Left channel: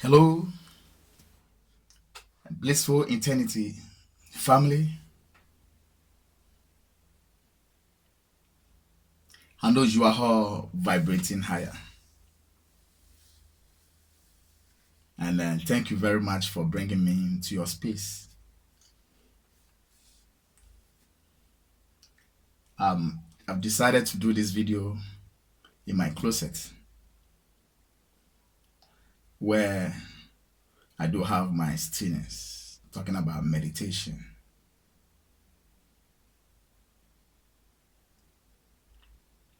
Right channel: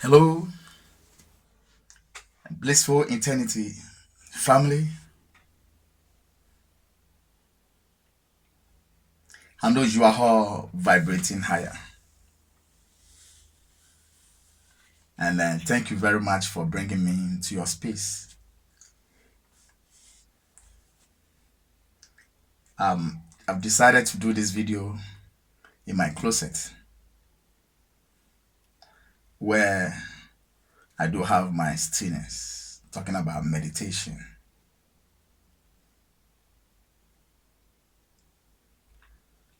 Hello, blissful eternity family. I know you are all vibrating higher. And thank you very much for bringing me into your space. I've decided to do this video in my closet where I do have my stillness, talking about meditation.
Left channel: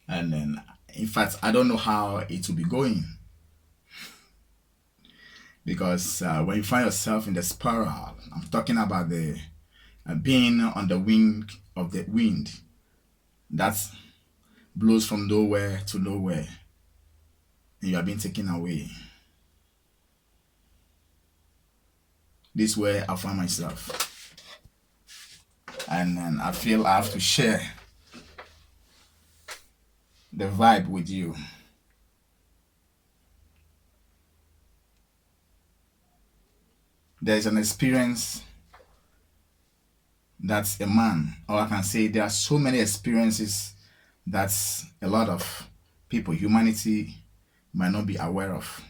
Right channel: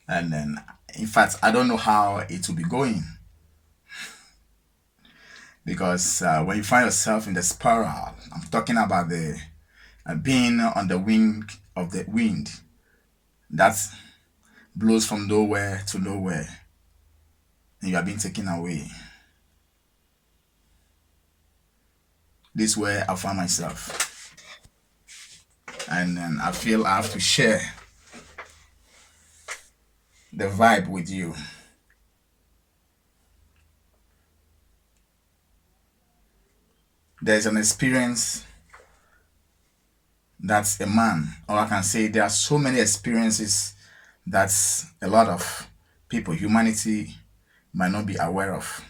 And then, in fact, I don't know how it will be going because when you find yourself in the spiral, I'm talking about the being on the wing of the wind that blows from nowhere to nowhere, and you are being taken away. This is where I find myself, and I feel I have to share the vibe with you. There's an experience that's a man, or I can say there are so many experiences that a lot of people, humanity, might not be aware of.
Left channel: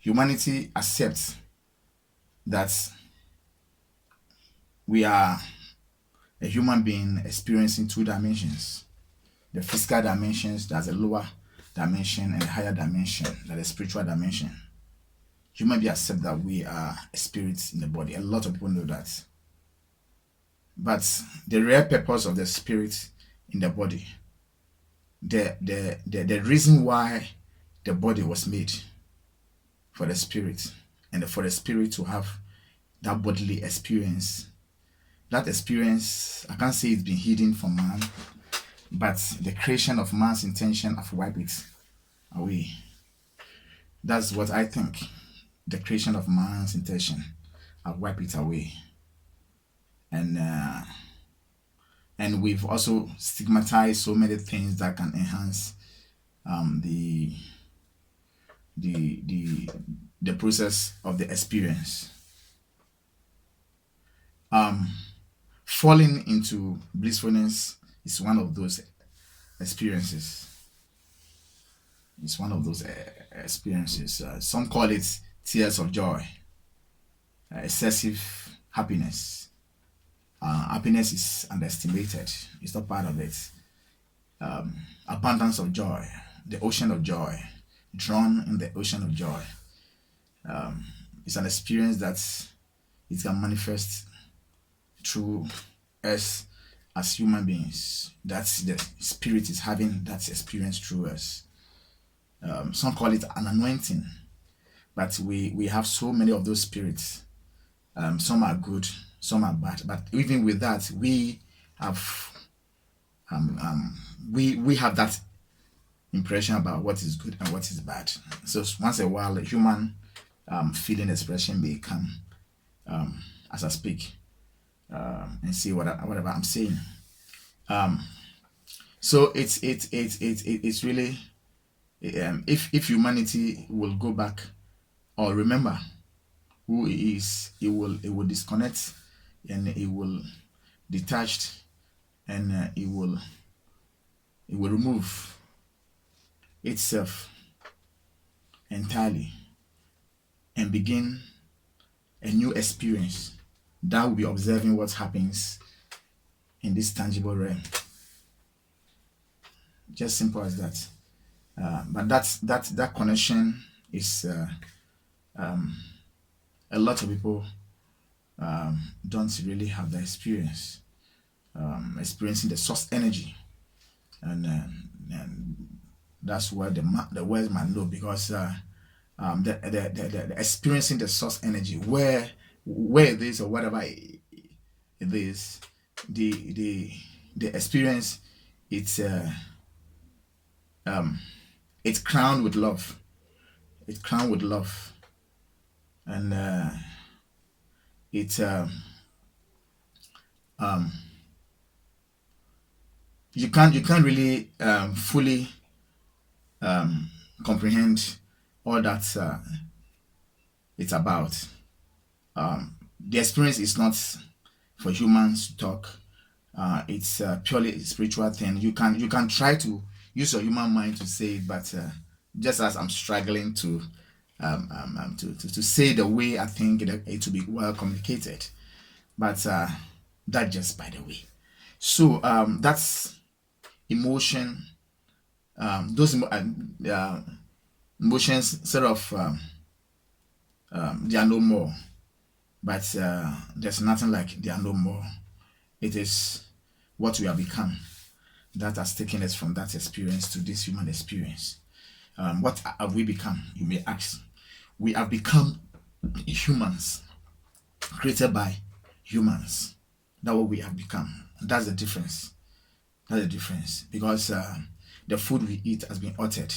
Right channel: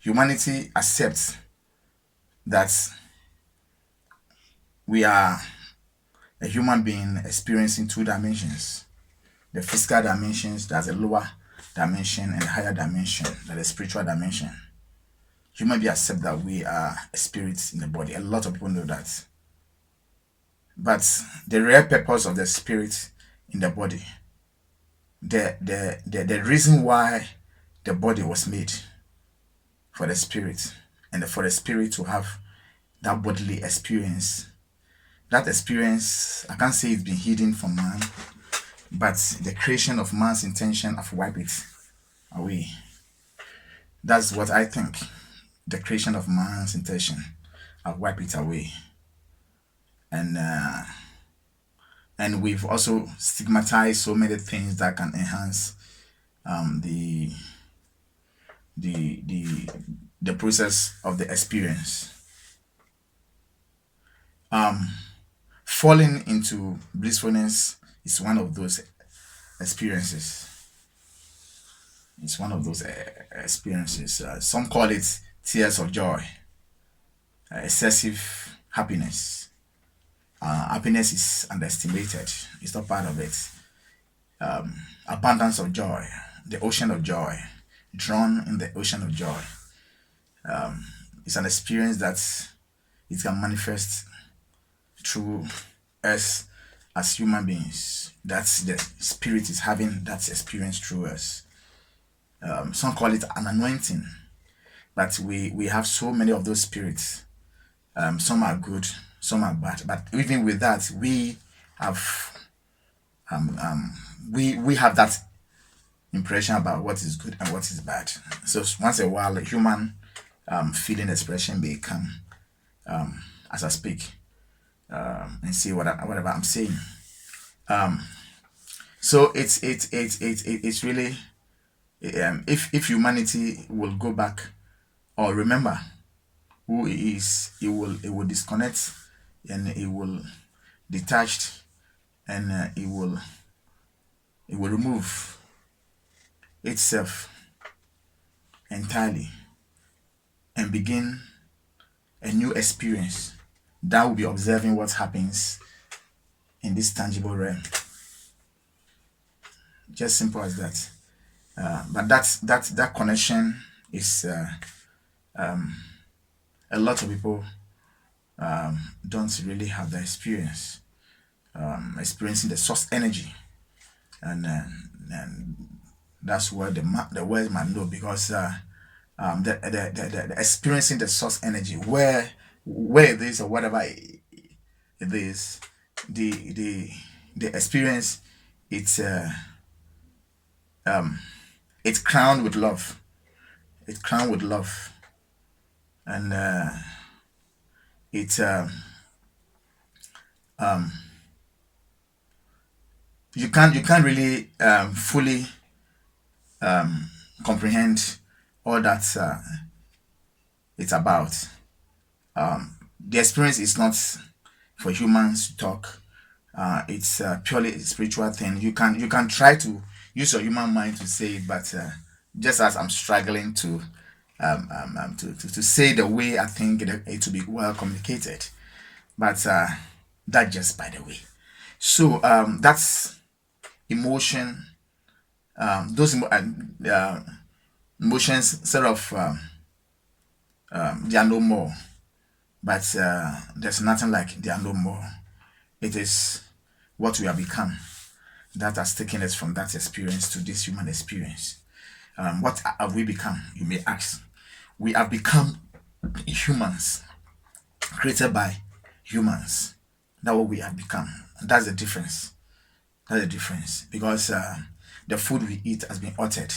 Humanity accepts that we are a human being experiencing two dimensions: the physical dimensions, that's a lower dimension, and a higher dimension, that's a spiritual dimension. Human beings accept that we are spirits in the body. A lot of people know that. But the real purpose of the spirit in the body, the reason why the body was made for the spirit, and for the spirit to have that bodily experience, that experience, I can't say it's been hidden from man, but the creation of man's intention have wiped it away. That's what I think. The creation of man's intention have wiped it away. And we've also stigmatized so many things that can enhance the process of the experience. Falling into blissfulness is one of those experiences. It's one of those experiences. Some call it tears of joy, excessive happiness. Happiness is underestimated. It's not part of it. Abundance of joy, the ocean of joy, drawn in the ocean of joy. It's an experience that it can manifest through us as human beings. That's the spirit is having that experience through us. Some call it an anointing, but we have so many of those spirits. Some are good, some are bad, but even with that, we have we have that impression about what is good and what is bad. So once in a while, a human feeling expression may come as I speak and see whatever I'm saying. So it's really if humanity will go back or remember who it is, it will disconnect, and it will detach, and it will remove itself entirely and begin a new experience that will be observing what happens in this tangible realm. Just simple as that. But that connection is a lot of people don't really have that experience, experiencing the source energy, and that's where the world might know, because the experiencing the source energy, where it is or whatever it is, the experience, it's crowned with love. It's crowned with love, and it's you can't really fully comprehend all that it's about. The experience is not for humans to talk. It's purely a spiritual thing. You can try to use your human mind to say it, but just as I'm struggling to say the way I think it to be well communicated, but that just by the way. So that's emotion. Those emotions sort of they are no more, but there's nothing like they are no more. It is what we have become that has taken us from that experience to this human experience. What have we become? You may ask. We have become humans, created by humans. That's what we have become. And that's the difference. That's the difference. Because the food we eat has been altered.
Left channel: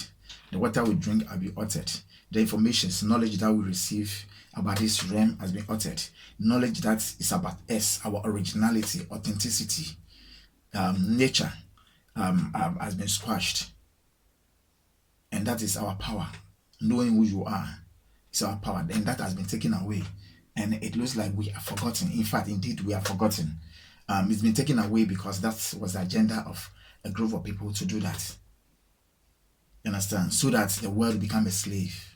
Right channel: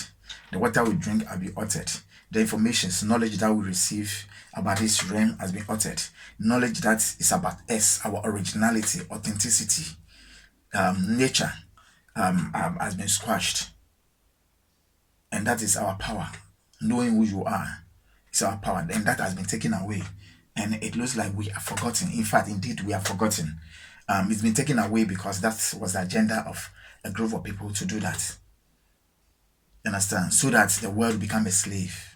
The water we drink has been altered. The information, knowledge that we receive about this realm has been altered. Knowledge that is about us, our originality, authenticity, nature has been squashed. And that is our power. Knowing who you are is our power. And that has been taken away. And it looks like we are forgotten. In fact, indeed, we are forgotten. It's been taken away because that was the agenda of a group of people to do that. You understand? So that the world become a slave.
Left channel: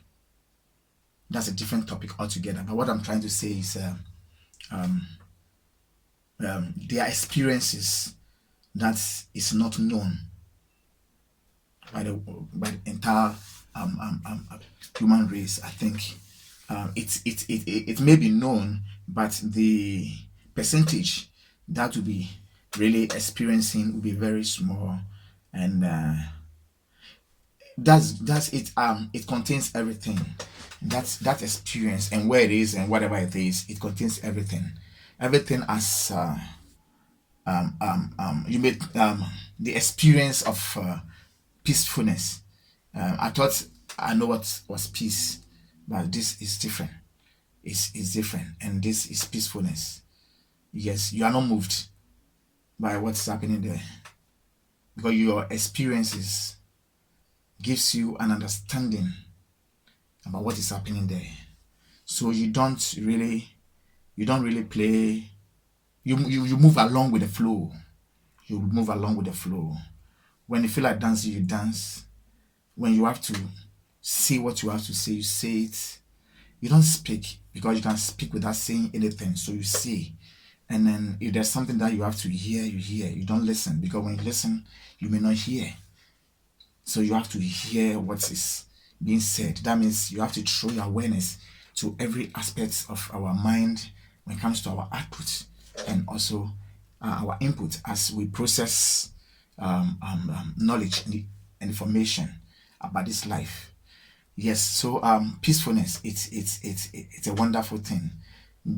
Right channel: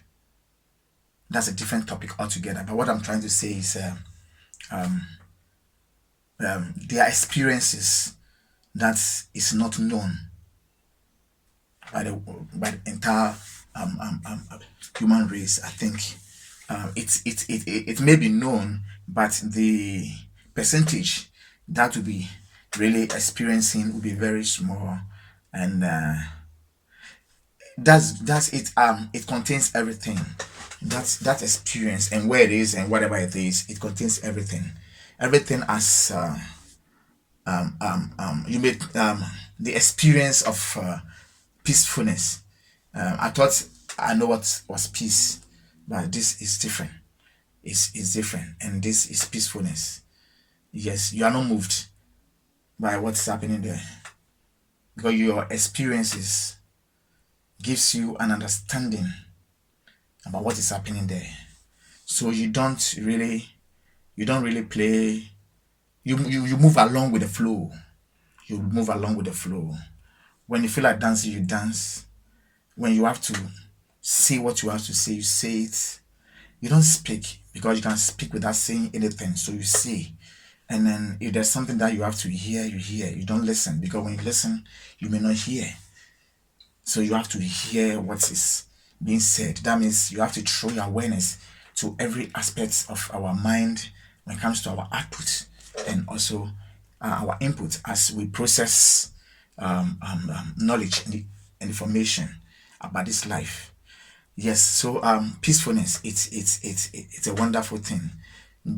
That's a different topic altogether. But what I'm trying to say is their experiences that is not known by the entire human race. I think it may be known, but the percentage that will be really experiencing will be very small, and that's it. It contains everything. That's that experience and where it is and whatever it is. It contains everything. Everything as you made the experience of peacefulness. I thought I know what was peace, but this is different. It's different, and this is peacefulness. Yes, you are not moved by what's happening there, because your experiences gives you an understanding about what is happening there. So you don't really play. You move along with the flow. You move along with the flow. When you feel like dancing, you dance. When you have to say what you have to say, you say it. You don't speak, because you can speak without saying anything. So you say. And then if there's something that you have to hear, you hear. You don't listen, because when you listen, you may not hear. So you have to hear what is being said. That means you have to throw your awareness to every aspect of our mind when it comes to our output and also our input as we process knowledge and information about this life. Yes, so peacefulness, it's a wonderful thing.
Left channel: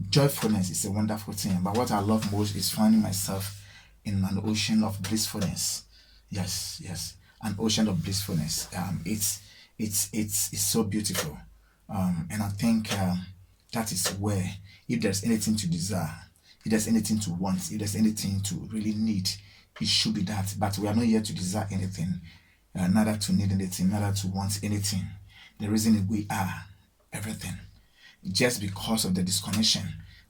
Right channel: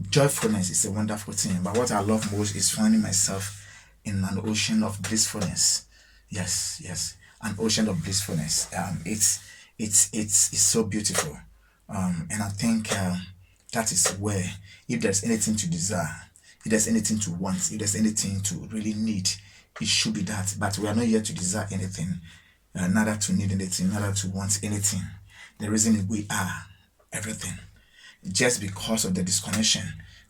Joyfulness is a wonderful thing. But what I love most is finding myself in an ocean of blissfulness. Yes, an ocean of blissfulness. It's so beautiful. And I think that is where, if there's anything to desire, if there's anything to want, if there's anything to really need, it should be that. But we are not here to desire anything, neither to need anything, neither to want anything. The reason is we are everything. Just because of the disconnection,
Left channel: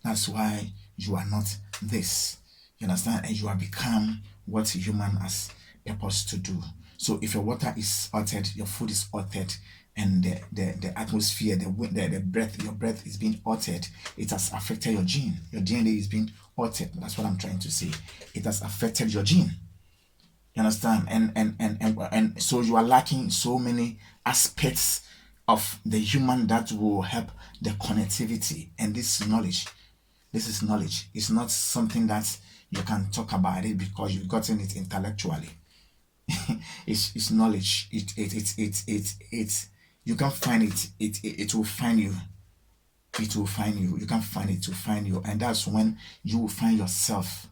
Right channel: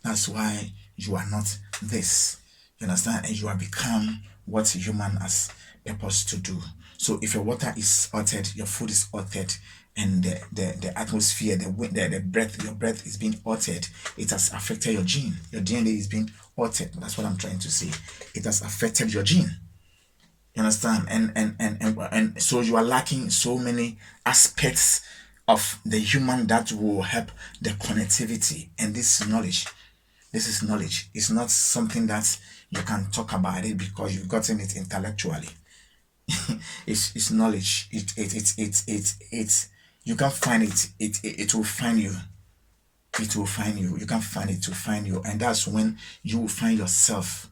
that's why you are not this. You understand? And you have become what human has purpose to do. So if your water is altered, your food is altered, and the atmosphere, the breath, your breath is being altered, it has affected your gene. Your DNA is being altered. That's what I'm trying to say. It has affected your gene. You understand? And so you are lacking so many aspects of the human that will help the connectivity. And this is knowledge. It's not something that you can talk about it because you've gotten it intellectually. It's knowledge. It's you can find it. It will find you. It will find you. You can find it to find you, and that's when you will find yourself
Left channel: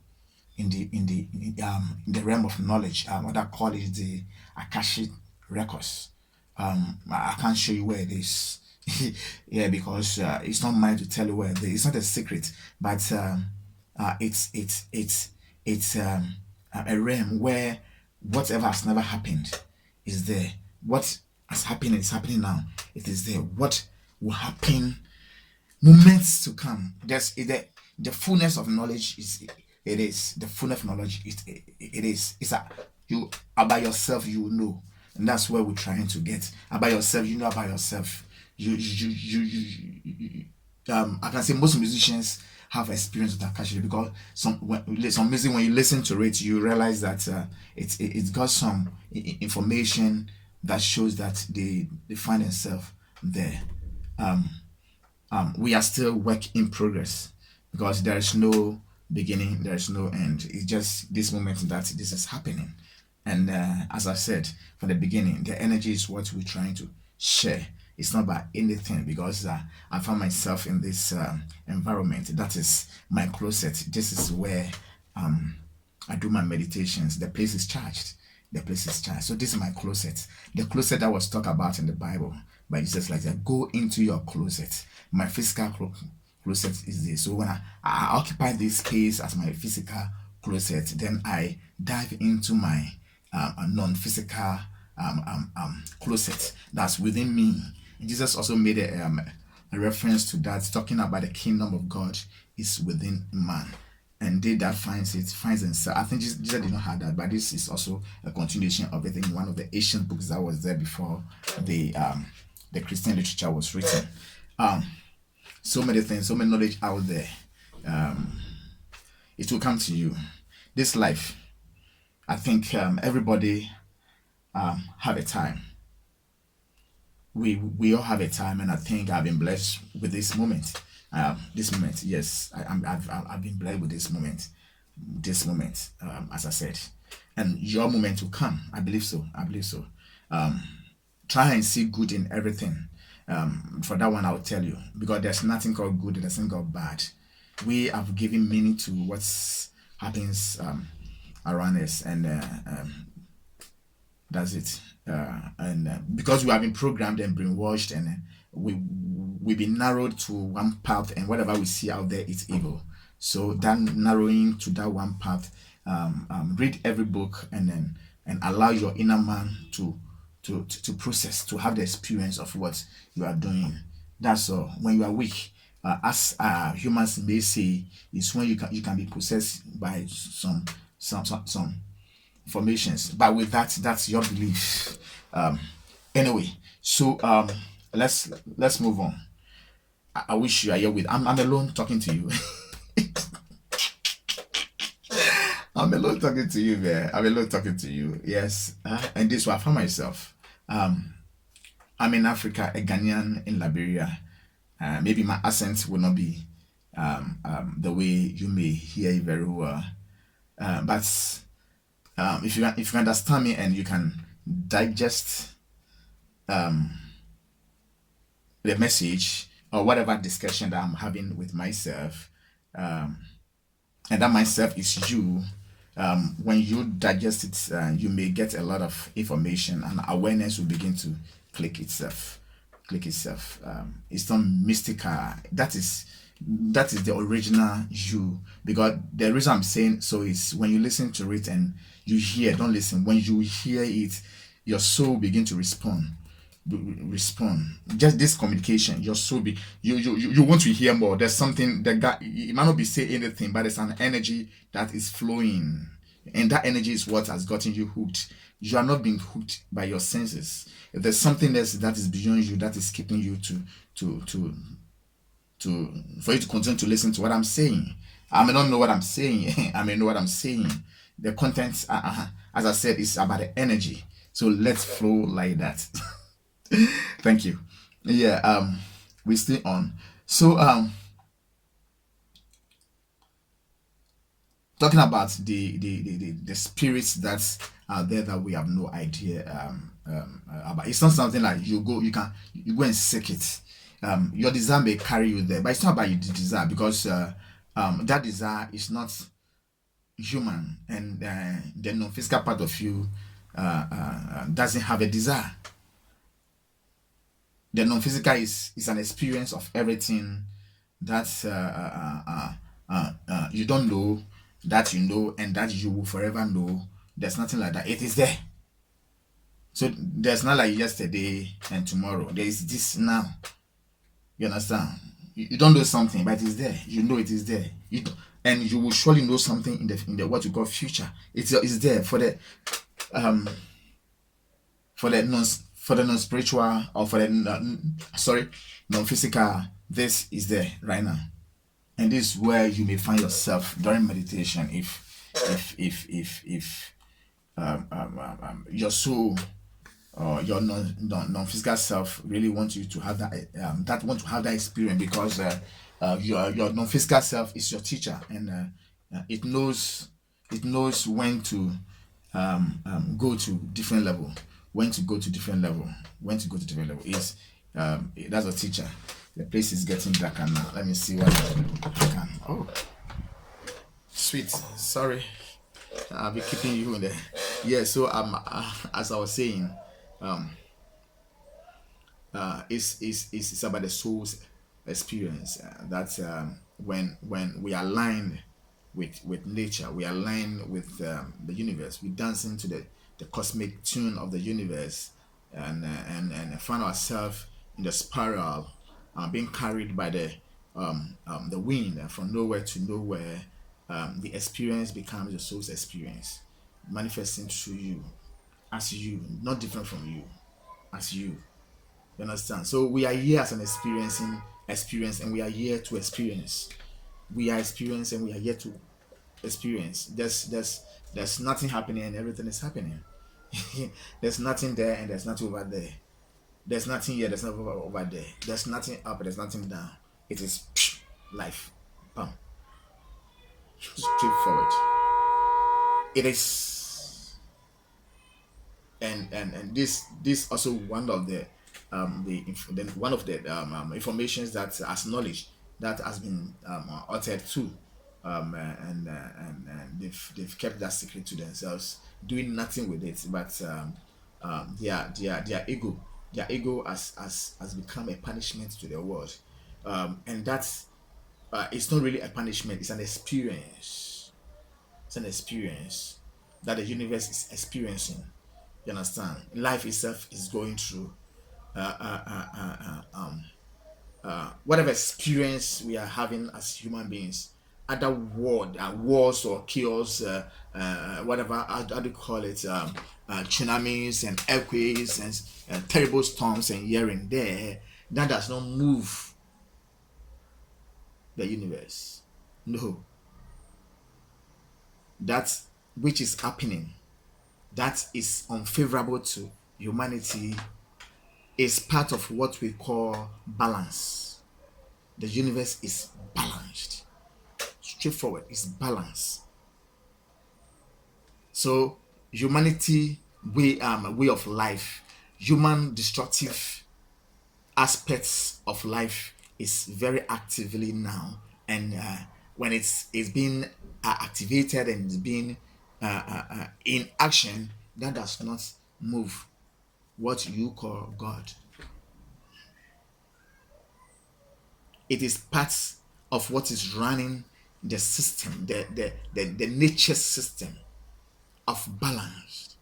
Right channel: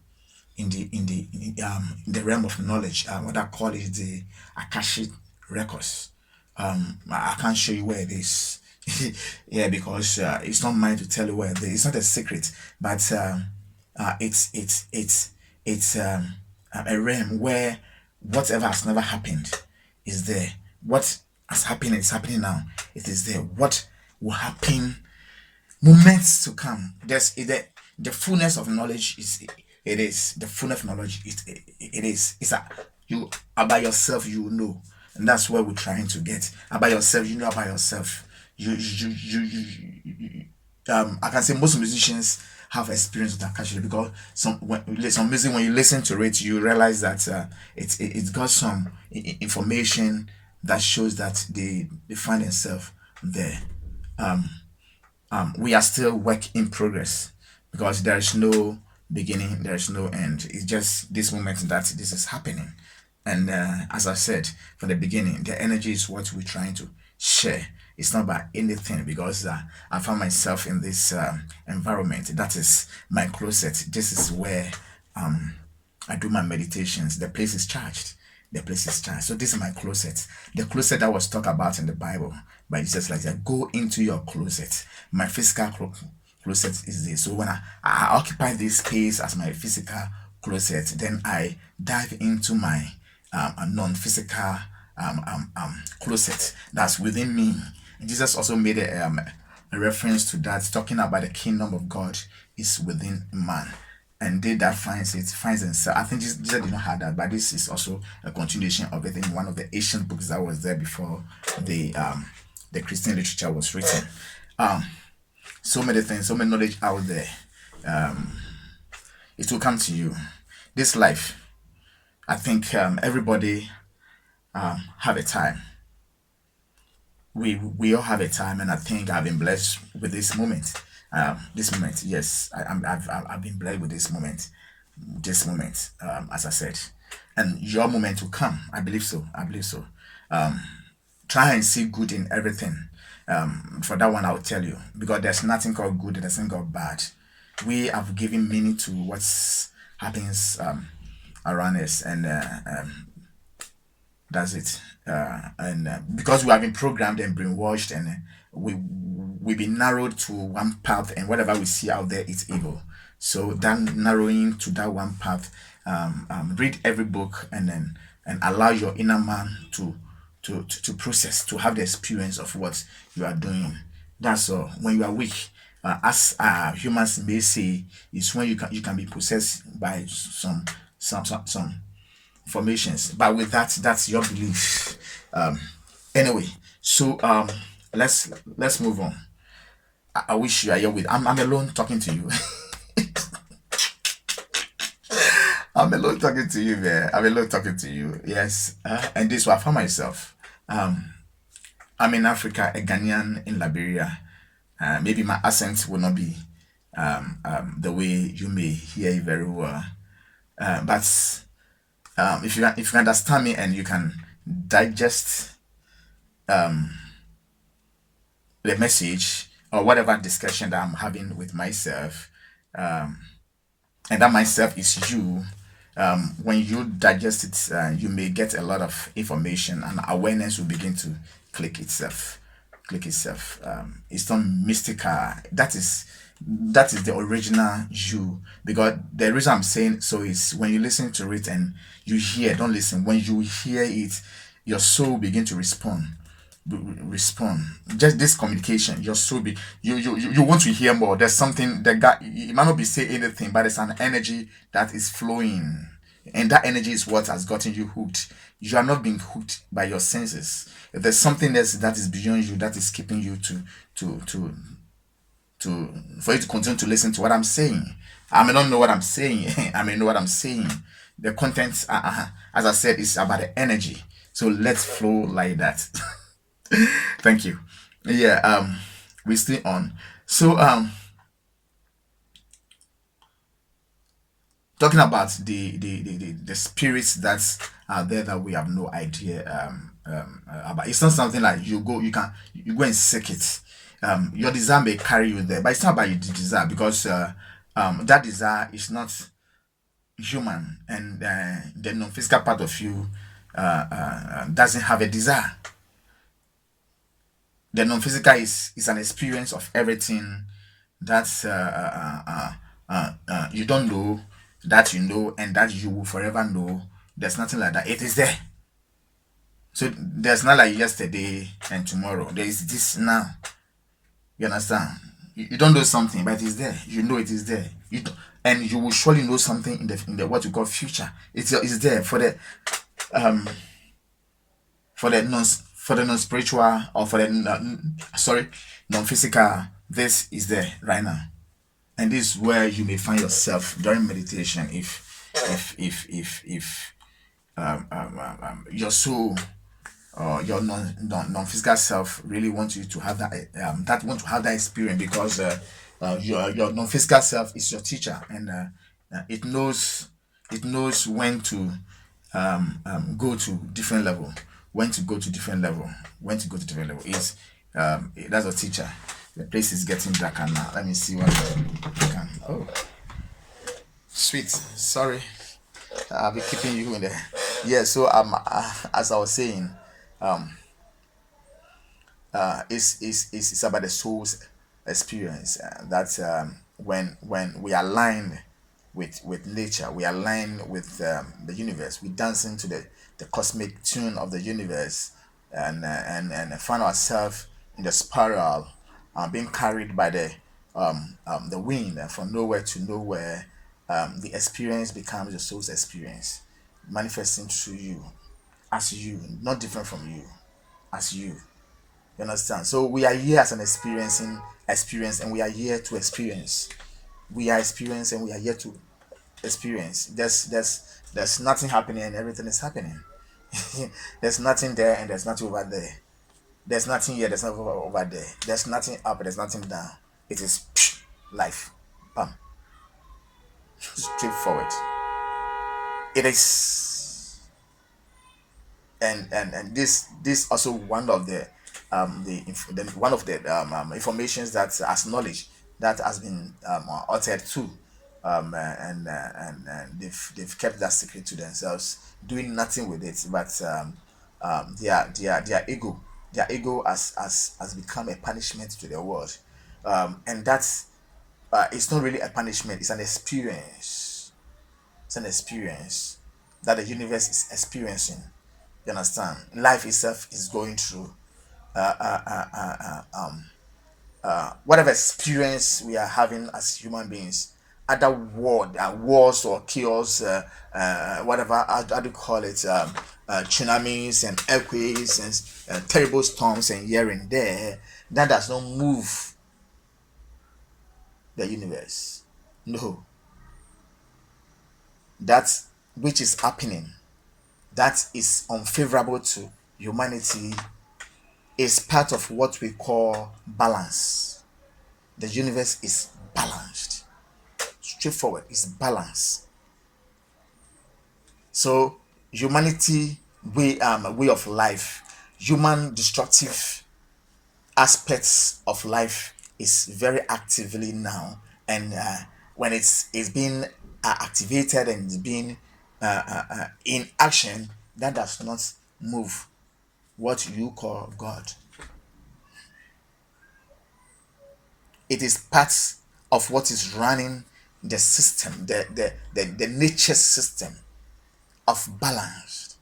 in the realm of knowledge. What I call is the Akashic records. I can't show you where it is. Yeah, because it's not mine to tell you where it is. It's not a secret, but it's a realm where whatever has never happened is there. What as happening, it's happening now. It is there. What will happen? Moments to come. There's the fullness of knowledge is it is the fullness of knowledge. It is. It's a you about yourself. You know, and that's where we're trying to get about yourself. You know about yourself. I can say most musicians have experience with that actually because some music when you listen to it you realize that it's got some information that shows that they find themselves there. We are still work in progress because there is no beginning, there is no end. It's just this moment that this is happening. And as I said from the beginning, the energy is what we're trying to share. It's not about anything because I found myself in this environment. That is my closet. This is where I do my meditations. The place is charged. The place is charged. So this is my closet. The closet that was talked about in the Bible by Jesus, like that. Go into your closet. My physical closet is this. So when I occupy this space as my physical closet, then I dive into my non-physical closet that's within me. Jesus also made a reference to that, talking about the kingdom of God is within man. And they that finds themselves. I think Jesus did not have that, but this is also a continuation of it in one of the ancient books that was there before the Christian literature was written. So many things, so many knowledge out there. It will come to you. This life, I think everybody have a time. We all have a time, and I think I've been blessed with this moment. Yes, I've been blessed with this moment. This moment, as I said, and your moment will come. I believe so. I believe so. Try and see good in everything. For that one, I will tell you because there's nothing called good, there's nothing called bad. We have given meaning to what's happens around us, and that's it. And because we have been programmed and brainwashed, and we've been narrowed to one path, and whatever we see out there is evil. So that narrowing to that one path, read every book, and then and allow your inner man to process, to have the experience of what you are doing. That's all. When you are weak, as humans may say, is when you can be possessed by some formations. But with that, that's your belief. Anyway, so let's move on. I wish you are here with. I'm alone talking to you. I'm alone talking to you, man. I'm alone talking to you. Yes, and this is where I found myself. I'm in Africa, a Ghanaian in Liberia. Maybe my accent will not be the way you may hear it very well. But if you understand me and you can digest the message or whatever discussion that I'm having with myself, and that myself is you. When you digest it, you may get a lot of information, and awareness will begin to click itself. It's not mystical. That is the original you. Because the reason I'm saying so is when you listen to it and you hear, don't listen. When you hear it, your soul begin to respond. Just this communication, your soul you want to hear more. There's something that guy, it might not be saying anything, but it's an energy that is flowing, and that energy is what has gotten you hooked. You are not being hooked by your senses. If there's something else that is beyond you that is keeping you for you to continue to listen to what I'm saying. I may not know what I'm saying. I may know what I'm saying. The content, as I said, is about the energy. So let's flow like that. Thank you. Yeah, we stay on. So talking about the spirits that are there that we have no idea about. It's not something like you go and seek it. Your desire may carry you there, but it's not about your desire because that desire is not human, and the non-physical part of you doesn't have a desire. The non-physical is an experience of everything that you don't know, that you know, and that you will forever know. There's nothing like that. It is there. So there's not like yesterday and tomorrow. There is this now. You understand? You don't know something, but it's there. You know it is there. And you will surely know something in the what you call future. It's there um for the non spiritual, or for the non physical. This is there right now, and this is where you may find yourself during meditation. If your soul or your non physical self really wants you to have that experience, because your non physical self is your teacher, and it knows when to go to different level, when to go to different level, when to go to different level. That's a teacher. The place is getting darker now. Let me see what I can. Oh, sweet. Sorry, I'll be keeping you in there. Yeah. So as I was saying, it's about the soul's experience. That when we align with nature, we align with the universe. We dance into the cosmic tune of the universe, and find ourselves in the spiral, being carried by the wind, from nowhere to nowhere. The experience becomes the soul's experience, manifesting through you, as you, not different from you, as you. You understand? So we are here as an experiencing experience, and we are here to experience. We are experiencing, and we are here to experience. There's nothing happening and everything is happening. There's nothing there and there's nothing over there. There's nothing here, there's nothing over there. There's nothing up, there's nothing down. It is life. Bam. Straightforward. It is, and this also one of the one of the informations that as knowledge that has been uttered too, and they've kept that secret to themselves, doing nothing with it, but their ego has become a punishment to the world, and that's it's not really a punishment, it's an experience. It's an experience that the universe is experiencing. You understand? Life itself is going through whatever experience we are having as human beings. Other wars or chaos, whatever, how do you call it, tsunamis and earthquakes and terrible storms and here and there, that does not move the universe. No, that which is happening, that is unfavorable to humanity, is part of what we call balance. The universe is balanced. Straightforward, it's balanced. So humanity way of life, human destructive aspects of life is very actively now, and when it's being activated and it's being in action, that does not move what you call God. It is part of what is running the system, the nature system of balanced,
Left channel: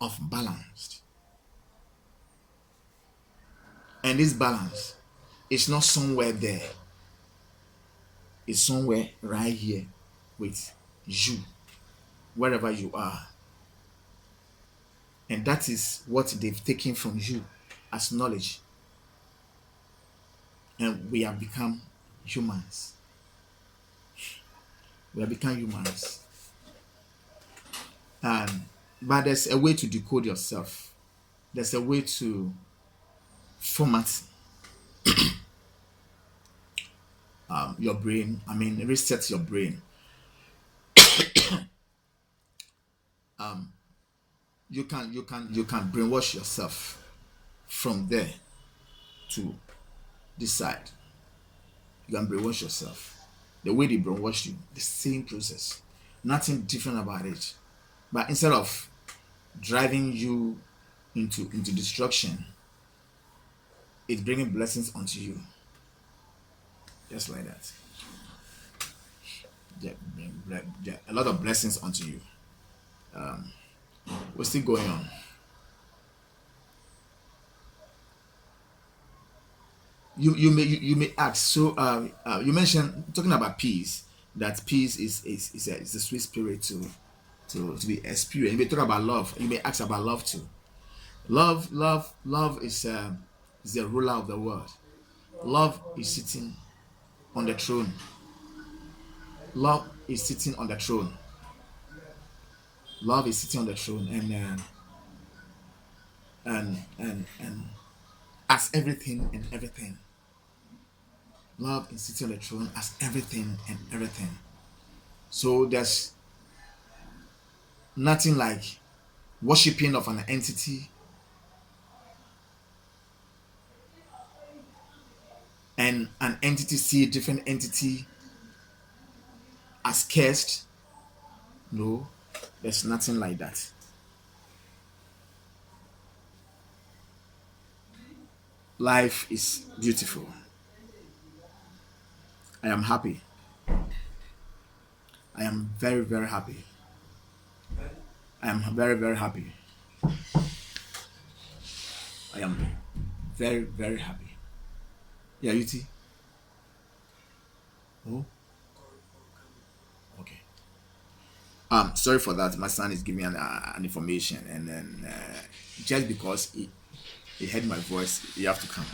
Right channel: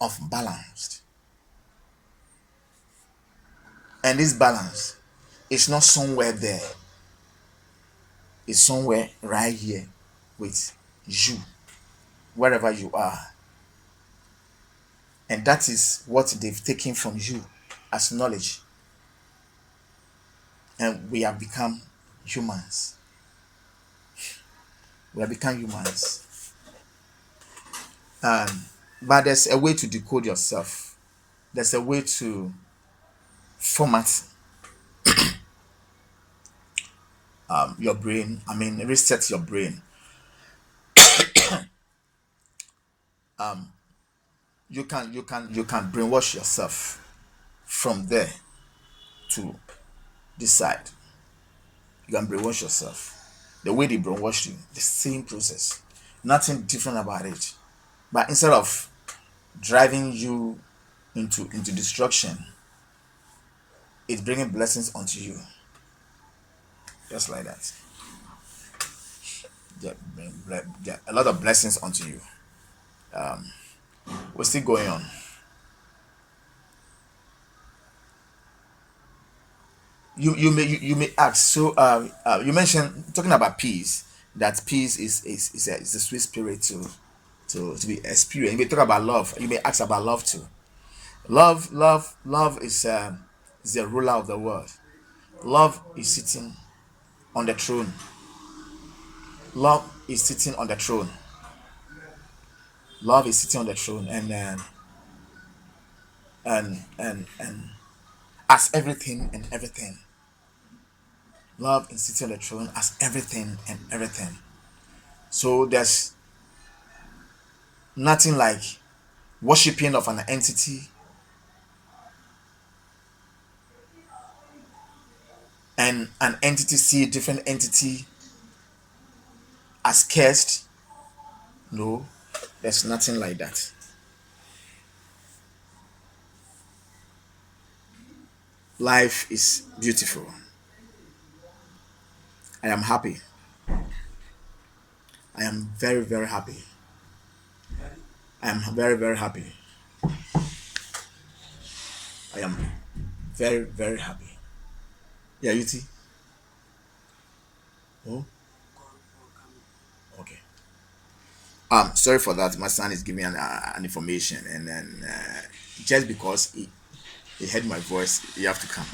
of balanced. And this balance is not somewhere there. It's somewhere right here with you, wherever you are. And that is what they've taken from you as knowledge. And we have become humans. We have become humans. But there's a way to decode yourself. There's a way to format your brain. I mean, reset your brain. You can brainwash yourself from there to decide. You can brainwash yourself. The way they brainwash you, the same process. Nothing different about it. But instead of driving you into destruction, it's bringing blessings onto you. Just like that. Yeah, a lot of blessings onto you. We're still going on. You may ask. So you mentioned talking about peace. That peace is a sweet spirit to be experienced. You may talk about love. You may ask about love too. Love is the ruler of the world. Love is sitting on the throne. Love is sitting on the throne. Love is sitting on the throne, and as everything and everything. Love is sitting on the throne as everything and everything. So there's nothing like worshiping of an entity and an entity see a different entity as cursed. No, there's nothing like that. Life is beautiful. I am happy. I am very, very happy. I am very, very happy. I am very, very happy. Yeah, you too. Oh, okay. Sorry for that. My son is giving an information, and then just because he heard my voice, he have to come.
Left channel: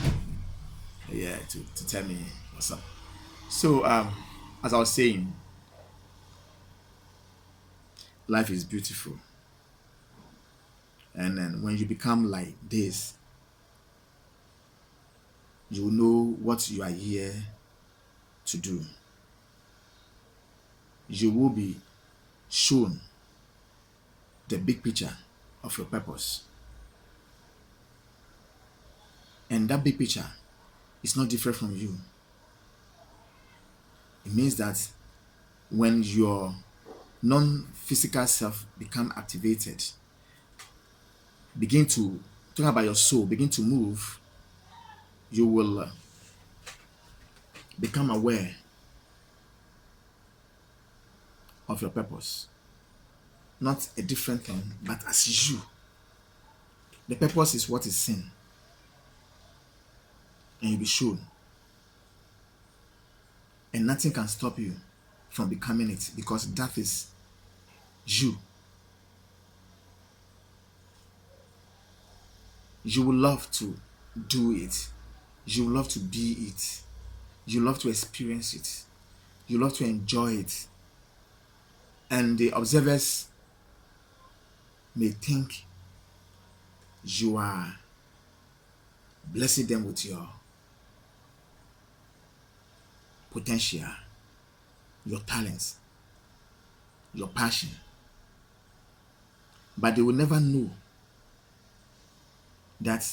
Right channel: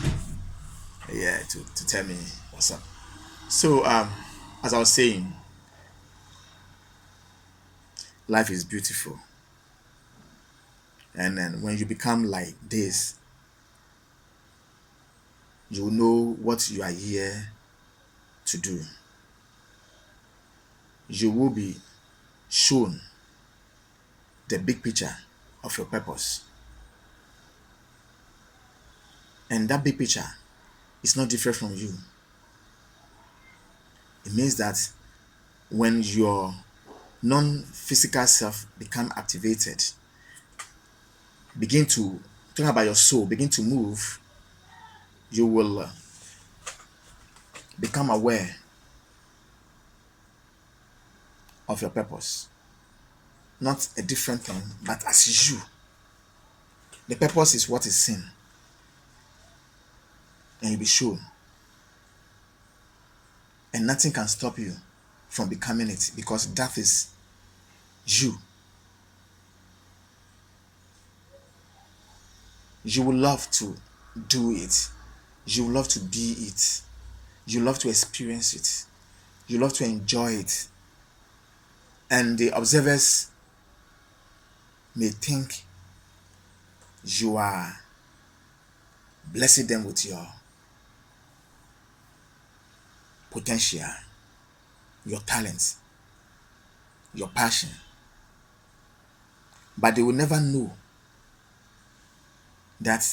Yeah, to tell me what's up. So, as I was saying, life is beautiful, and then when you become like this, you know what you are here to do. You will be shown the big picture of your purpose, and that big picture is not different from you. It means that when your non-physical self become activated, begin to talk about your soul, begin to move, you will become aware of your purpose. Not a different thing, but as you. The purpose is what is seen, and you'll be shown. And nothing can stop you from becoming it because that is you. You will love to do it. You will love to be it. You love to experience it. You love to enjoy it. And the observers may think you are blessing them with your potential, your talents, your passion. But they will never know that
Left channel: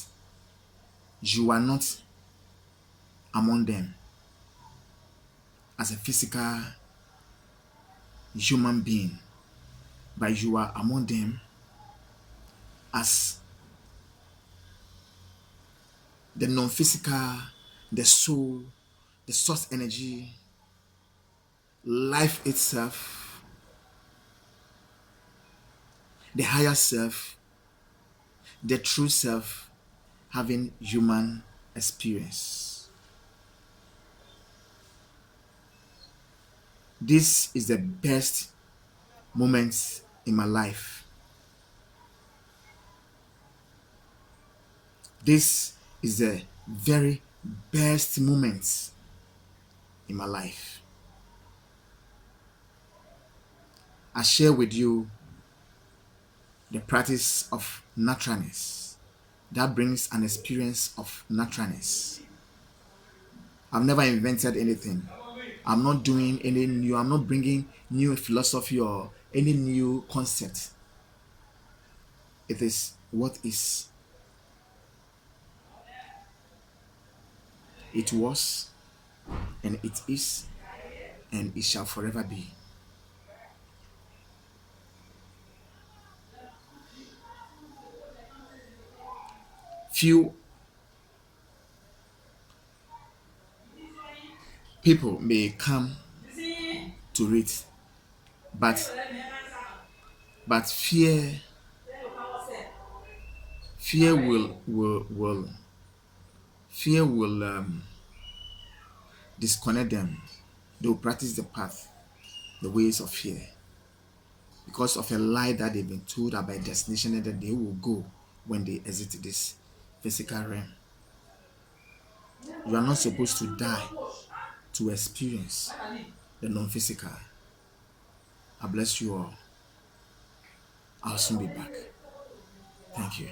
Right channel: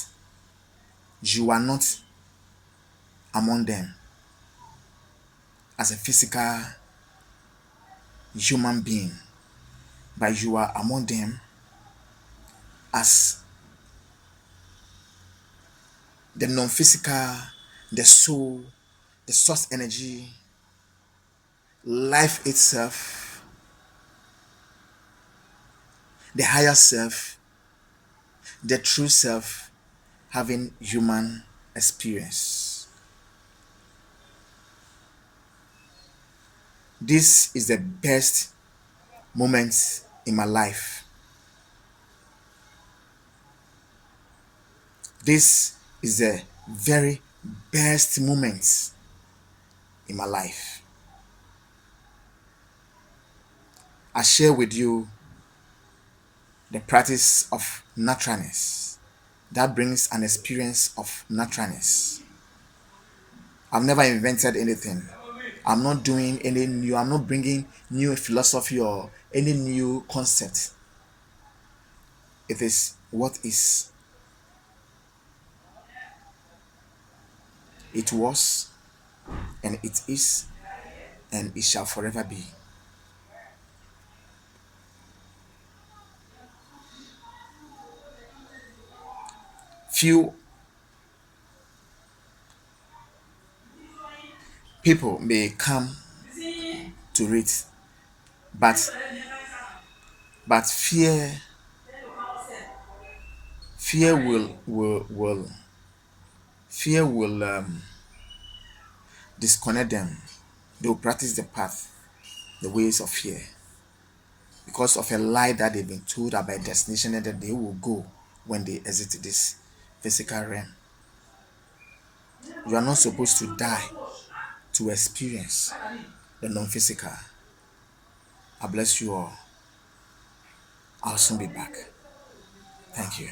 you are not among them as a physical human being, but you are among them as the non-physical, the soul, the source energy, life itself, the higher self, the true self having human experience. This is the best moment in my life. This is the very best moment in my life. I share with you the practice of naturalness that brings an experience of naturalness. I've never invented anything. I'm not doing any new, I'm not bringing new philosophy or any new concept. It is what is. It was, and it is, and it shall forever be. Few people may come to read, but but fear will fear will disconnect them. They will practice the path, the ways of fear, because of a lie that they've been told about a destination that they will go when they exit this physical realm. You are not supposed to die to experience the non-physical. I bless you all. I'll soon be back. Thank you.